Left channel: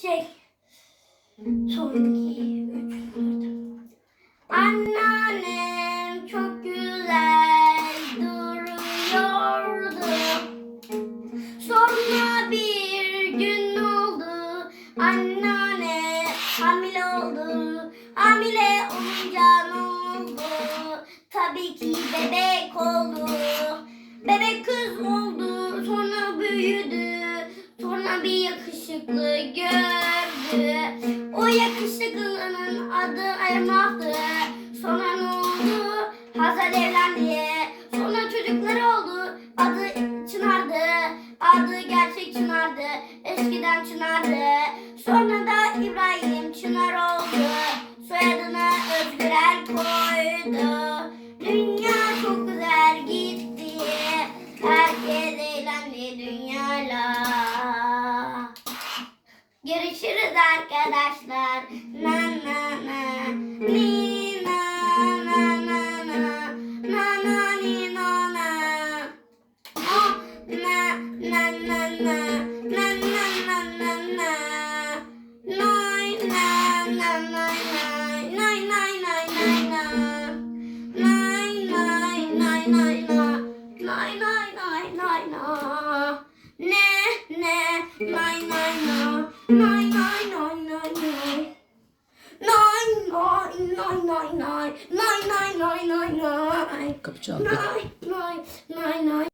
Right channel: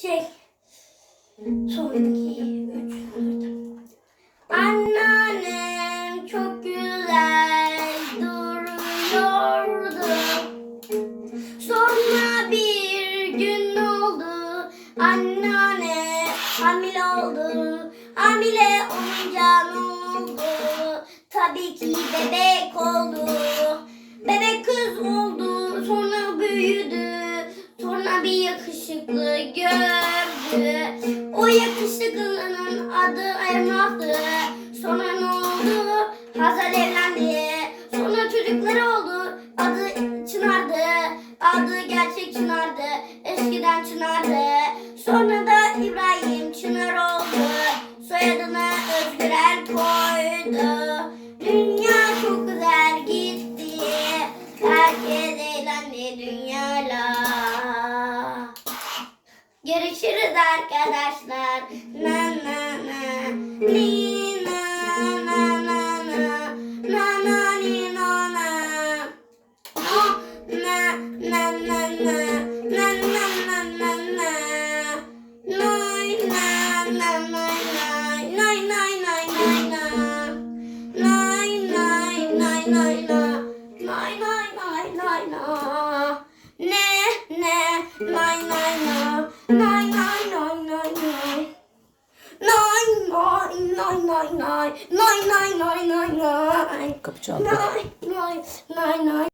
Şey. Son iki, üç, dört. Anneannem çok güzel duruyordu. Sonra bir gün oldu. Anneanne hamile oldu. Hamile olunca ne oldu? Tabii ki bebek oldu. Bebek gördü. O yakışıklının adı Elmas'tı. Sonra ne oldu? Hazar evlendi. Sonra çocukları oldu. Adı Çınar'dı. Adı gerçek Çınar'dı. Eskiden Çınar'dı. Sonra da İbrahim Çınar oldu. Soyadını Özgürel koydu. Dünya çok güzel gitti. Herkes eğlendi dünyayla. Görüşürüz arkadaşlar. Na na na. Ni na na na na. Na na ni na na. Oh, na na na na. Na na na na na. Noy na na noy nay. Noy nay nay nay na. Noy nay nay nay na. Noy nay nay nay na. Ne ne nay nay na. nay nay nay nay nay nay nay. Kapı çaldı. Nay nay nay nay.